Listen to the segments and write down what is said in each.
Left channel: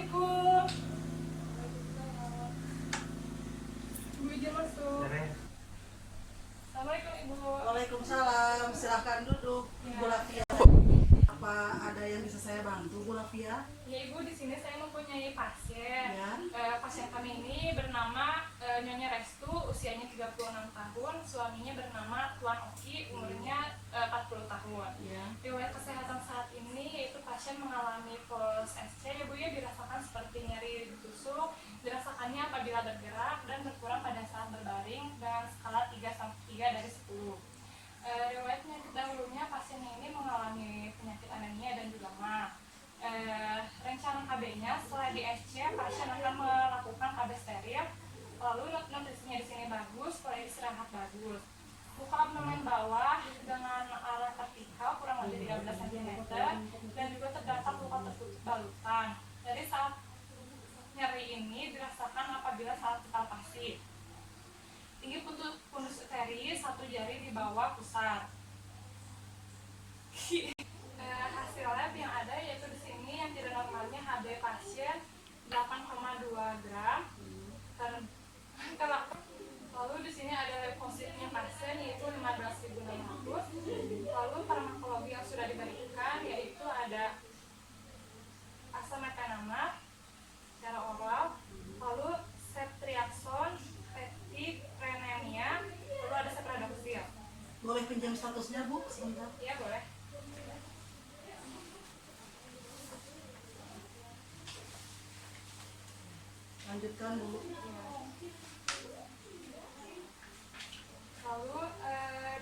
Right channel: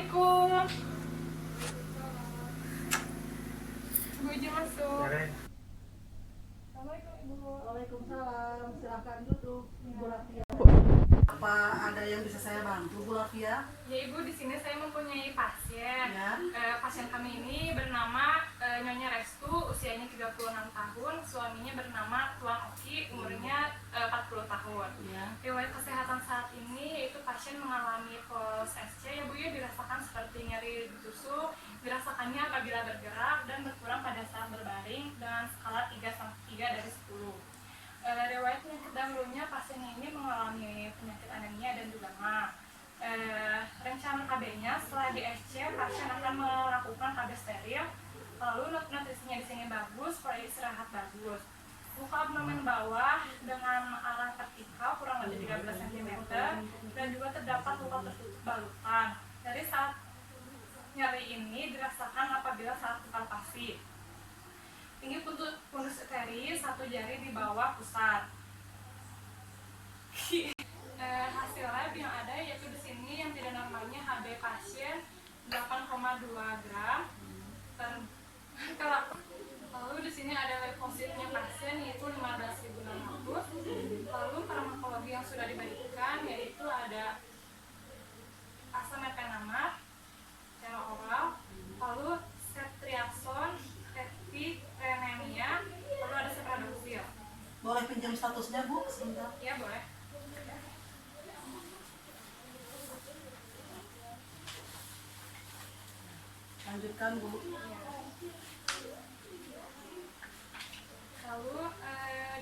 Assalamualaikum. Bu izin masuk. Assalamualaikum Ibu. Waalaikumsalam, silahkan duduk, Bu Lafia. Apa ada yang bisa saya bantu, Bu Lafia? Ya Ibu, di sini saya mempunyai pasien. Ya. Pasien kami ini bernama Nyonya Restu, usianya 36 tahun, suaminya bernama Tuan Oki, umurnya 40 tahun. Ya. Riwayat kesehatan saat ini yaitu pasien mengalami puls SC ya Bu ya, dirasakan seperti nyeri ditusuk, dirasakannya apabila bergerak dan berkurang pada saat berbaring dengan skala 3 dari 10. Riwayat penyakit dahulunya pasien ini mengalami penyakit anemia dan juga mah. Rencana KB-nya setelah di SC pasien akan melakukan KB steril, lalu nutrisinya di sini bagus, pola istirahat bagus. Luka abdomen bawah dengan arah vertikal kurang lebih 13 cm dan juga terdapat luka tertutup balutan. Dari saat nyeri ini dirasakan apabila saat palpasi. Tinggi pundus uteris, 1 jari di bawah pusar. Hasil lab yang ada yaitu di sini yang tidak normalnya HB pasien 8,2 gram lalu di sini ada leukosit-nya pasien yaitu 15.600. Lalu farmakologi yang sudah diberikan yaitu ada asam mepenamate secara oral, lalu ceftriaxone, tetipremenia, lalu ada sepradoxil. Boleh pinjam statusnya, Bu, sebentar? Ya boleh. Lanjutkan, Bu. Lalu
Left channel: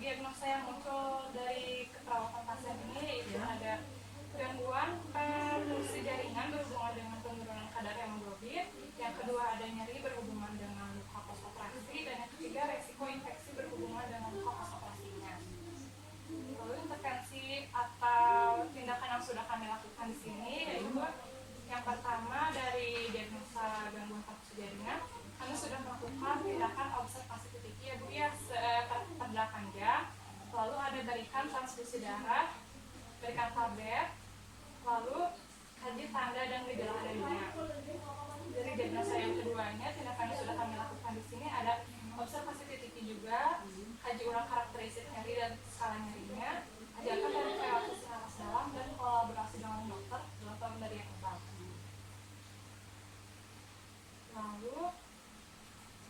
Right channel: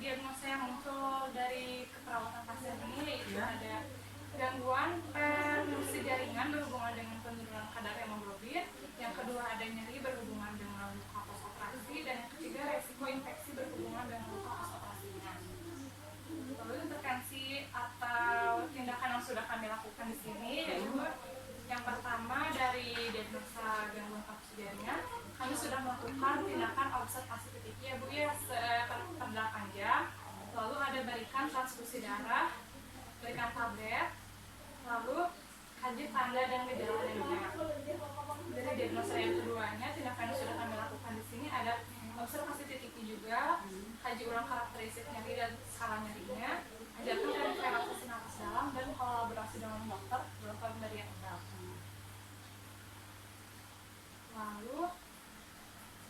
diagnosa yang muncul dari keperawatan pasien ini yaitu ada gangguan fungsi jaringan berhubungan dengan penurunan kadar hemoglobin, yang kedua ada nyeri berhubungan dengan luka postoperasi, dan yang ketiga resiko infeksi berhubungan dengan luka postoperasinya. Lalu intervensi atau tindakan yang sudah kami lakukan di sini yaitu yang pertama dari diagnosa gangguan fungsi jaringan, kami sudah melakukan tindakan observasi titik ya Bu ya per 8 jam. Lalu ada berikan transfusi darah, berikan tablet, lalu kaji tanda dan gejala anemia. Dari diagnosa yang keduanya, tindakan yang sudah kami lakukan di sini ada observasi titik juga, kaji ulang karakteristik nyeri dan skala nyerinya, ajarkan dari relaksasi napas dalam dan kolaborasi dengan dokter dari yang enggak. Lalu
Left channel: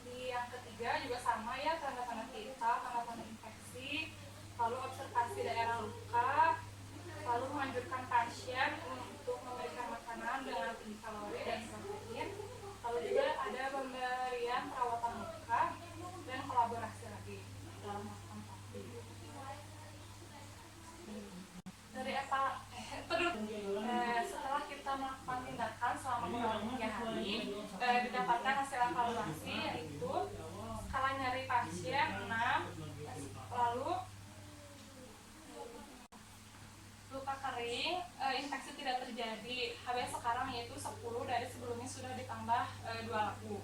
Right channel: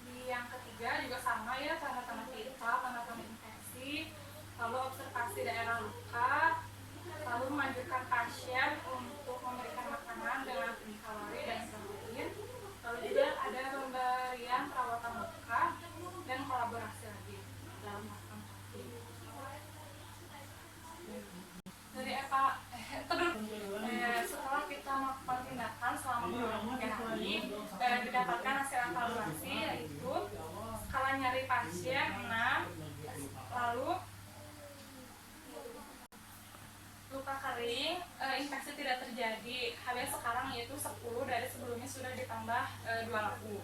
di yang ketiga juga sama ya, tanda-tanda vital, tanda-tanda infeksi, lalu observasi daerah luka, lalu menganjurkan pasien untuk memberikan makanan dengan tinggi kalori dan protein, lalu juga ada pemberian perawatan luka dan kolaborasi lagi dalam melakukan topik. Dari setelah kita melakukan tindakan selama kurang 3 hari, didapatkan hasil evaluasi yaitu skala nyeri pasien 6, lalu luka kering, infeksi tidak terjadi, HB sekarang yaitu 10, dari sebelumnya sudah ditambah 2 laku.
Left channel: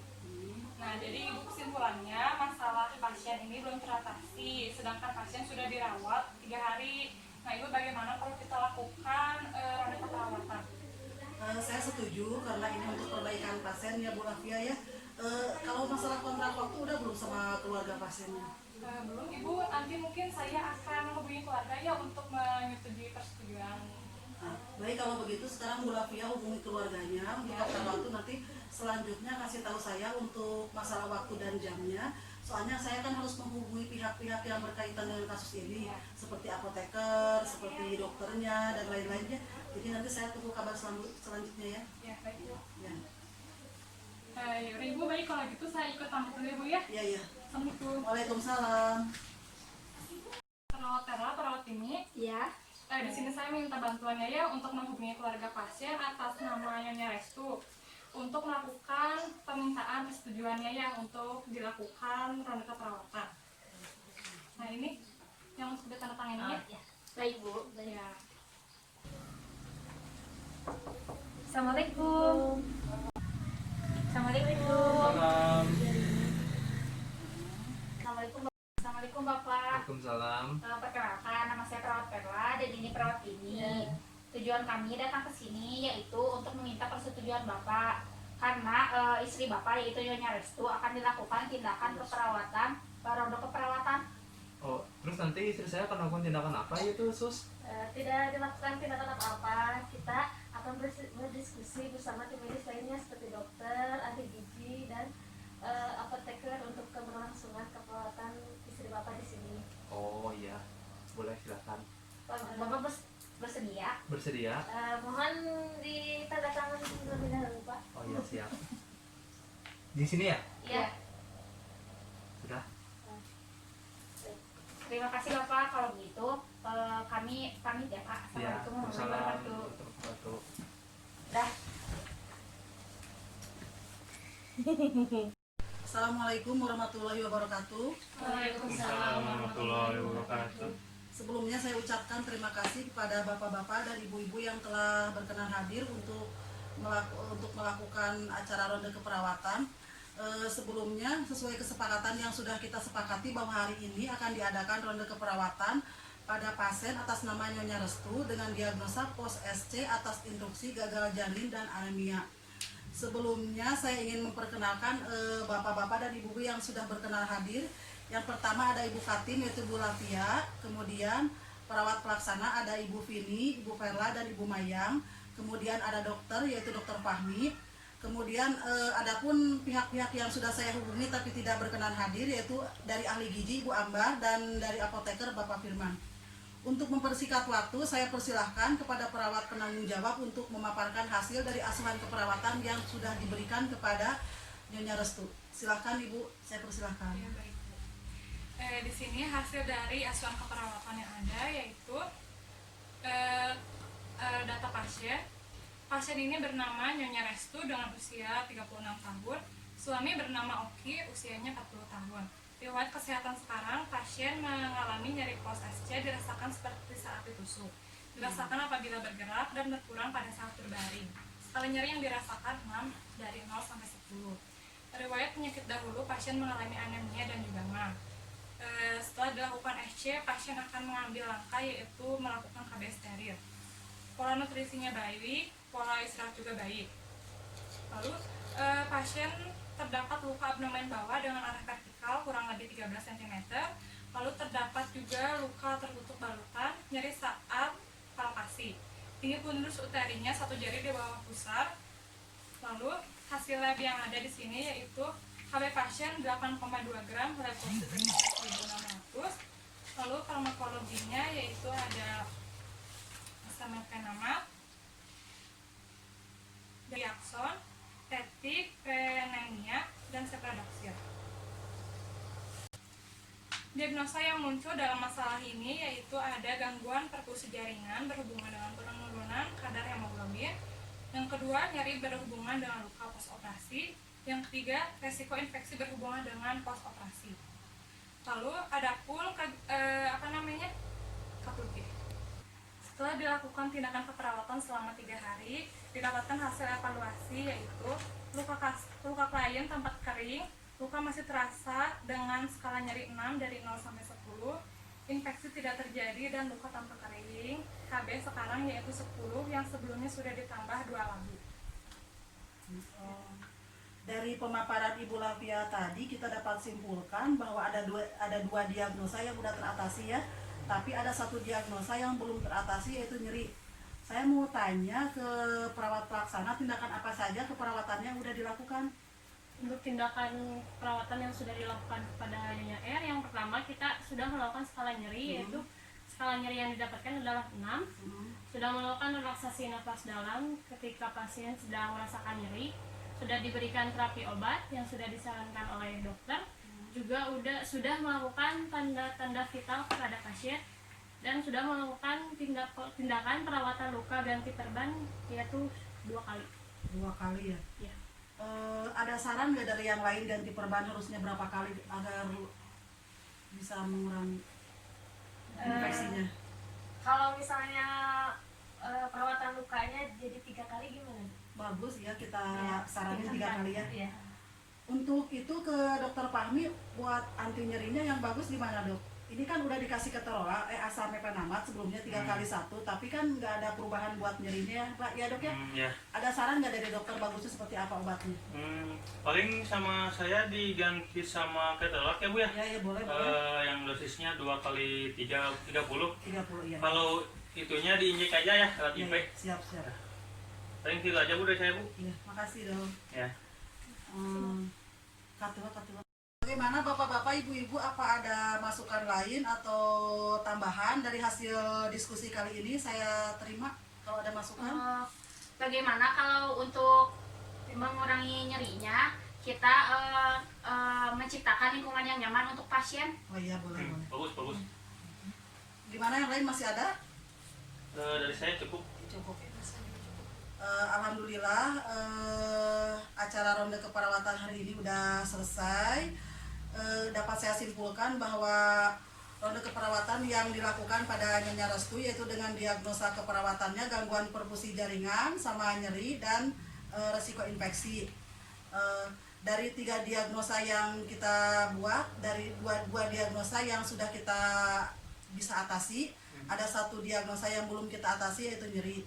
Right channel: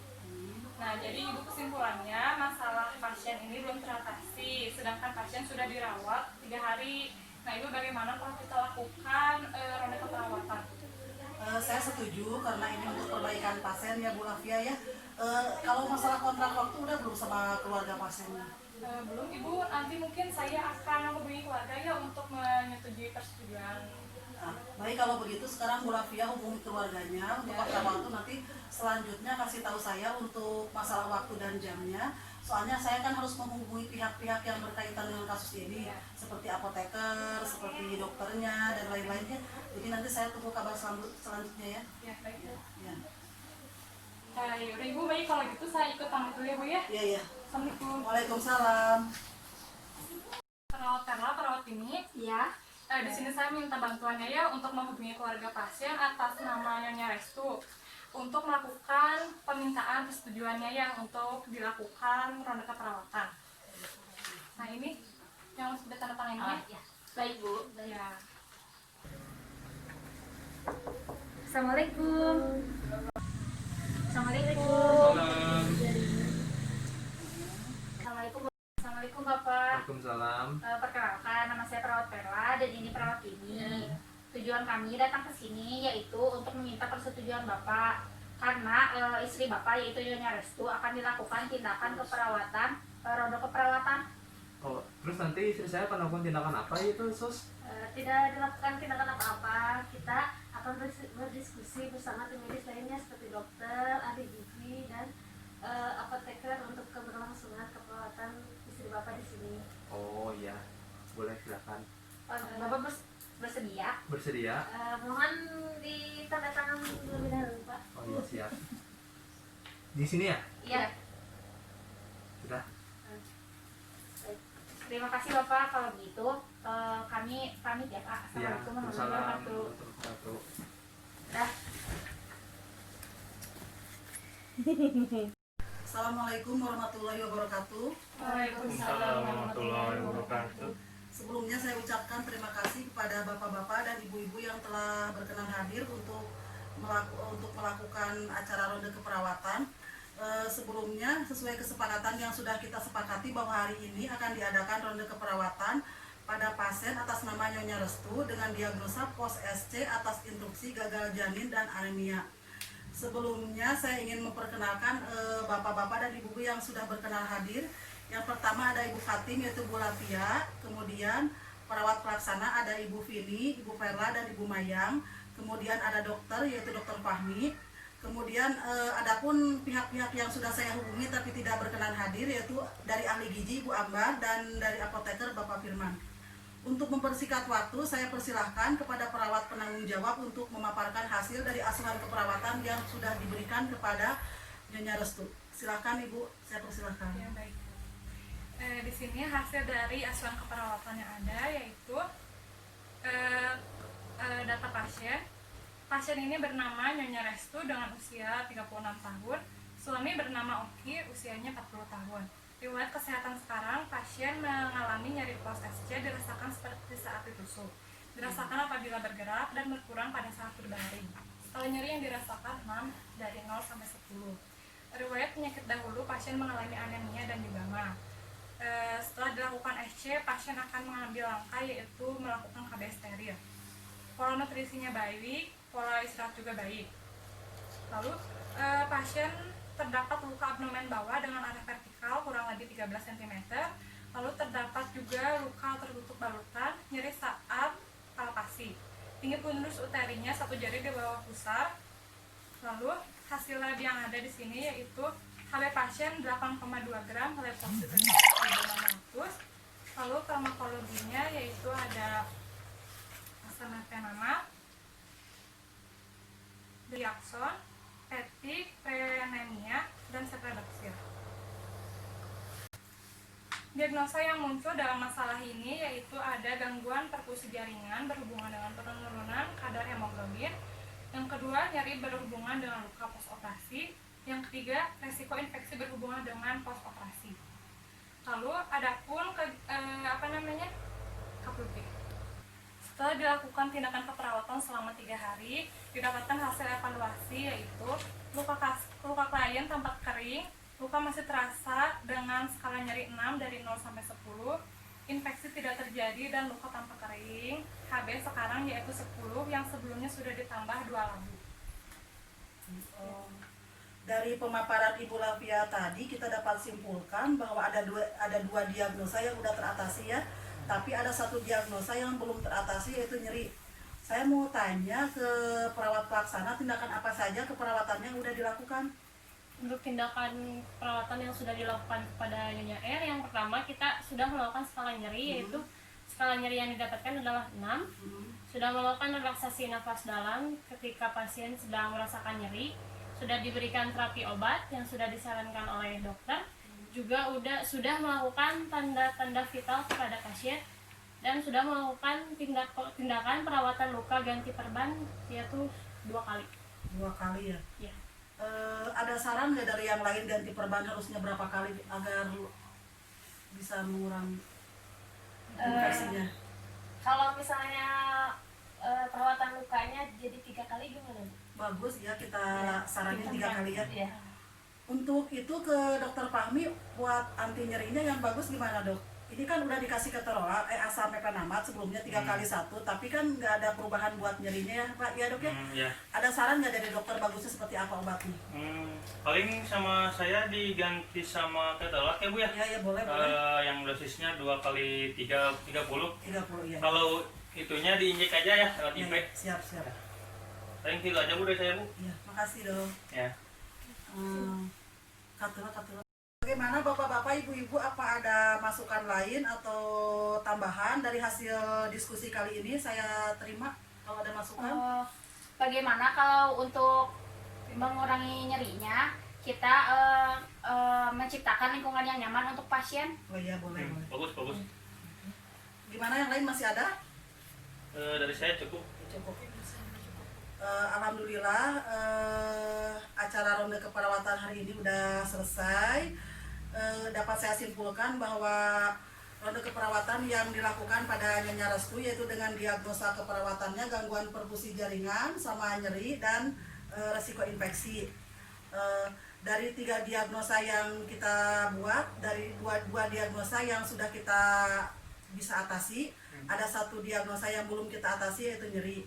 Nah, jadi Ibu kesimpulannya masalah pasien ini belum teratasi, sedangkan pasien sudah dirawat 3 hari. Nah, Ibu bagaimana kalau kita lakukan ronde keperawatan? Saya setuju karena ini untuk perbaikan pasien ya, Bu Lafia ya. Kalau masalah kontrak waktu udah belum sama keluarga pasiennya? Belum Ibu, nanti mungkin saya akan menghubungi keluarga ya untuk menyetujui persetujuan. Nah, baik kalau begitu sekarang Bu Lafia hubungi keluarganya untuk kontrak waktu, nanti selanjutnya kasih tahu saya untuk masalah waktu dan jamnya. Soalnya saya kan harus menghubungi pihak-pihak yang berkaitan dengan kasus ini, seperti apoteker, seperti dokternya dan lain-lainnya. Jadi nanti saya tunggu kabar selanjutnya ya. Ya, baik Bu. Ya. Yaudah Ibu, baik kalau gitu saya ikut pamit dulu ya Bu ya. Iya, iya. Assalamualaikum. Waalaikumsalam. Perawat ini. Ya. Di sini saya minta bantuannya ya untuk menghubungi keluarga pasien atas nama Nyonya Restu untuk melakukan permintaan persetujuannya ya untuk dilakukan ronde keperawatan. Nah ini yang sudah tanda tangan ini. Ya. Baik Bu. Baik. Ya. Assalamualaikum. Assalamualaikum. Assalamualaikum Bapak. Waalaikumsalam. Perkenalkan, nama saya Perawat Perla dan ini perawat ini. Tujuan kami datang ke sini yaitu untuk meminta persetujuan persetujuan Bapak karena istri Bapak yaitu Nyonya Restu akan dilakukan tindakan keperawatan, ronde keperawatan. Oh, terus nanti istri saya akan melakukan tindakan apa itu, Sus? Tidak dilakukan tindakan apa-apa, kita akan berdiskusi bersama tim medis lainnya seperti dokter, ahli gizi, dan apoteker untuk keberlangsungan keperawatan istri Bapak di sini. Oh iya, boleh silakan. Bapak bersedia? Bersedia? Mohon ditandatangan terlebih dahulu, Pak. Oh iya, siap. Di sini ya? Iya. Sudah. Terima kasih Bapak. Kalau begitu kami pamit ya Pak. Iya. Assalamualaikum Waalaikumsalam warahmatullahi warahmatullahi wabarakatuh. Dah. Assalamualaikum warahmatullahi wabarakatuh. Waalaikumsalam warahmatullahi wabarakatuh. Sebelumnya saya ucapkan terima kasih kepada bapak-bapak dan ibu-ibu yang telah berkenan hadir untuk melakukan acara ronde keperawatan. Sebelumnya sesuai kesepakatan yang sudah kita sepakati bahwa hari ini akan diadakan ronde keperawatan pada pasien atas nama Nyonya Restu dengan diagnosa pos SC atas instruksi gagal janin dan anemia. Sebelumnya saya ingin memperkenalkan bapak-bapak dan ibu-ibu yang sudah berkenan hadir. Yang pertama ada Ibu Fatim yaitu Bu Lafia, kemudian perawat pelaksana ada Ibu Vini, Ibu Perla dan Ibu Mayang, kemudian ada dokter yaitu Dokter Fahmi. Kemudian adapun pihak-pihak yang sudah saya hubungi tapi tidak berkenan hadir yaitu dari ahli gizi Ibu Ambar dan dari apoteker Bapak Firman. Untuk mempersingkat waktu, saya persilahkan kepada perawat penanggung jawab untuk memaparkan hasil dari asuhan keperawatan yang sudah diberikan kepada Nyonya Restu. Silahkan Ibu, saya persilahkan. Ya, baik. Di sini hasil dari asuhan keperawatan yang ada yaitu data pasien. Pasien ini bernama Nyonya Restu dengan usia 36 tahun. Suami bernama Oki, usianya 40 tahun. Riwayat kesehatan sekarang, pasien mengalami nyeri pos SC dirasakan seperti saat ditusuk. Dirasakan apabila bergerak dan berkurang pada saat berbaring. Skala nyeri yang dirasakan 6 dari 0 sampai 10. Riwayat penyakit dahulu, pasien mengalami anemia dan juga MA. Setelah dilakukan SC, pasien akan mengambil langkah yaitu melakukan KB steril. Pola nutrisinya baik, pola istirahat juga baik. Lalu pasien terdapat luka abdomen bawah dengan arah vertikal kurang lebih 13 cm. Lalu terdapat juga luka tertutup balutan, nyeri saat palpasi. Tinggi fundus uterinya 1 jari di bawah pusar. Lalu hasil lab yang ada di sini yaitu HB pasien 8,2 gram, leukosit 5.600. Lalu farmakologinya yaitu ada asam mefenamat, diakson, tetik, penemia, dan sepredoxil. Diagnosa yang muncul dalam masalah ini yaitu ada gangguan perfusi jaringan berhubungan dengan penurunan kadar hemoglobin. Yang kedua, nyeri berhubungan dengan luka postoperasi. Yang ketiga, resiko infeksi berhubungan dengan postoperasi. Lalu adapun KPP. Setelah dilakukan tindakan keperawatan selama 3 hari, didapatkan hasil evaluasi yaitu luka klien tampak kering, luka masih terasa dengan skala nyeri 6 dari 0 sampai 10, infeksi tidak terjadi dan luka tampak kering. HB sekarang yaitu 10 yang sebelumnya sudah ditambah 2 labu. Dari pemaparan Ibu Lafia tadi kita dapat simpulkan bahwa ada dua diagnosa yang sudah teratasi ya, tapi ada satu diagnosa yang belum teratasi yaitu nyeri. Saya mau tanya ke perawat pelaksana, tindakan apa saja keperawatannya sudah dilakukan? Untuk tindakan perawatan yang sudah dilakukan kepada Nyonya R, yang pertama kita sudah melakukan skala nyeri, yaitu skala nyeri yang didapatkan adalah 6. Sudah melakukan relaksasi nafas dalam ketika pasien sedang merasakan nyeri, sudah diberikan terapi obat yang sudah disarankan oleh dokter, juga sudah melakukan tanda-tanda vital kepada pasien, dan sudah melakukan tindakan perawatan luka ganti perban yaitu 2 kali. 2 kali ya? Iya. Ada saran nggak dari yang lain ganti perban harusnya berapa kali agar bisa mengurangi infeksinya? Kalau misalnya perawatan lukanya jadi 3 kali gimana? Bagus ya, kita saranin 3 Kan? kali ya. Iya. Untuk itu ke dokter Fahmi buat anti nyerinya yang bagus gimana dok? ini kan udah dikasih keterangan asam mefenamat sebelumnya 3 kali 1, tapi kan nggak ada perubahan buat nyerinya ya Pak ya dok ya? Ya. Ada saran nggak dari dokter bagusnya seperti apa obatnya? Paling sama saya diganti sama ketelak ya Bu ya. Ya boleh. Yang dosisnya 2 kali 30. 30 ya. Kalau itunya diinjek aja ya lewat Ya, IP. siap. Paling gitu aja Bu dari saya Bu. Iya, makasih dok. Ya. Katula. Bagaimana bapak-bapak, ibu-ibu, apa ada masukan lain atau tambahan dari hasil diskusi kali ini? Saya terima kalau ada masukan. Bagaimana kalau untuk mengurangi nyerinya kita menciptakan lingkungan yang nyaman untuk pasien? Oh iya boleh. Bagus. Gimana yang lain masih ada? Dari saya cukup. Cukup. Alhamdulillah acara ronde keperawatan hari ini udah selesai. Dapat saya simpulkan bahwa ronde keperawatan yang dilakukan pada Nyonya Restu yaitu dengan diagnosa keperawatannya gangguan perfusi jaringan sama nyeri dan resiko infeksi. Dari 3 diagnosa yang kita buat, dari dua diagnosa yang sudah kita bisa atasi, ada 1 diagnosa yang belum kita atasi yaitu nyeri.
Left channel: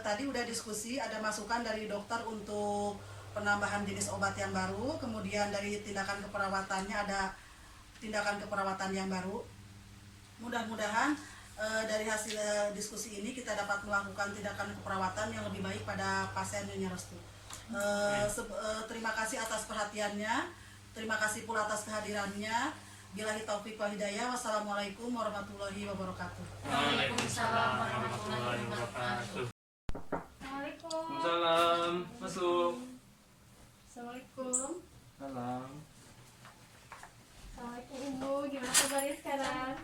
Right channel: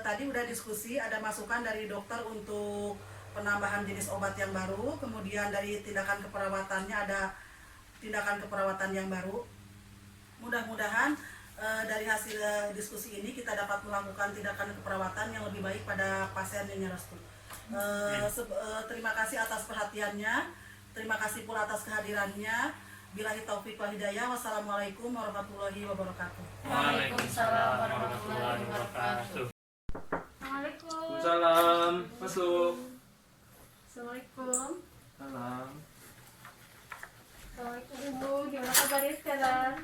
Tadi udah diskusi, ada masukan dari dokter untuk penambahan jenis obat yang baru, kemudian dari tindakan keperawatannya ada tindakan keperawatan yang baru. Mudah-mudahan dari hasil diskusi ini kita dapat melakukan tindakan keperawatan yang lebih baik pada pasien Nyonya Restu. Terima kasih atas perhatiannya, terima kasih pula atas kehadirannya. Billahi taufik wal hidayah. Wassalamualaikum warahmatullahi wabarakatuh. Waalaikumsalam warahmatullahi wabarakatuh. Assalamualaikum. Salam, masuk. Assalamualaikum. Salam. Assalamualaikum Ibu, gimana kabarnya sekarang?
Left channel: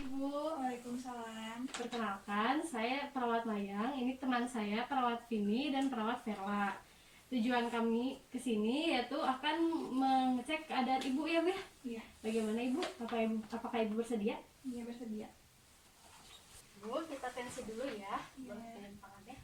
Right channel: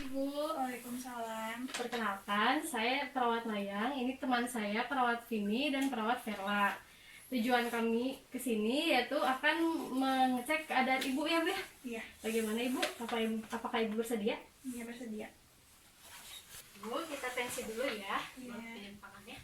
Ibu, Waalaikumsalam. perkenalkan, saya perawat Mayang. Ini teman saya, perawat Vini dan perawat Verla. Tujuan kami ke sini yaitu akan mengecek keadaan Ibu ya, Bu ya? Iya. Bagaimana Ibu? Apakah Ibu bersedia? Iya, bersedia. Bu, kita tensi dulu ya. Iya. Boleh pinjam tangannya.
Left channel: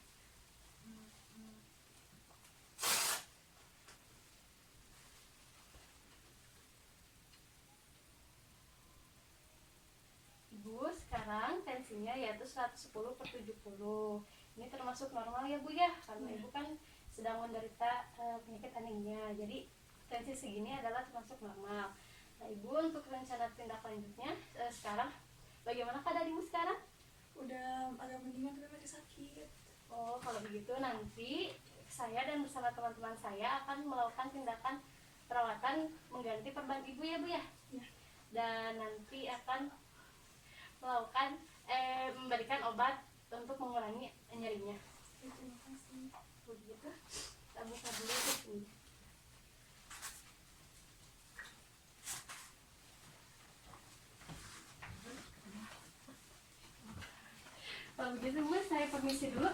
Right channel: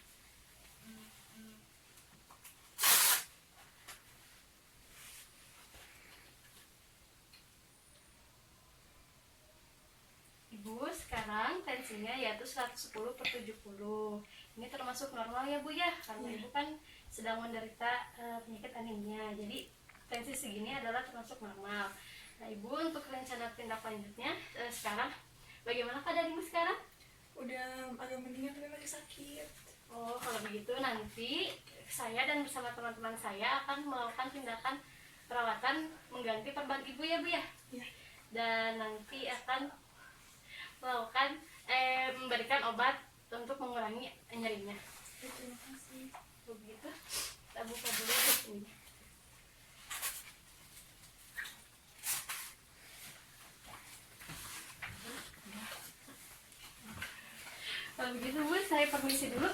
Ibu, sekarang tensinya yaitu 110/70. Ini termasuk normal ya Bu ya, karena Ibu kan sedang menderita penyakit anemia. Jadi tensi segini adalah termasuk normal. Nah Ibu, untuk rencana tindak lanjutnya sekarang bagaimana keadaan Ibu sekarang? Udah agak mendingan tapi masih sakit. Oh, kalau begitu nanti saya dan bersama teman-teman saya akan melakukan tindakan perawatan mengganti perban Ibu ya Bu ya. Iya. Dan nanti akan melakukan memberikan obat untuk mengurangi nyerinya. Terima kasih. Begitu. Kita buka dulu di sini. Kalau begitu Bu, saya permisi dulu.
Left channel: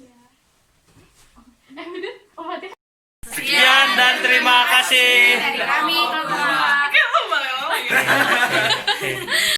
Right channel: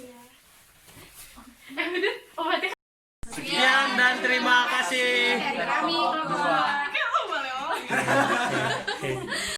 Iya. Udah, obatnya. Sekian dan terima kasih.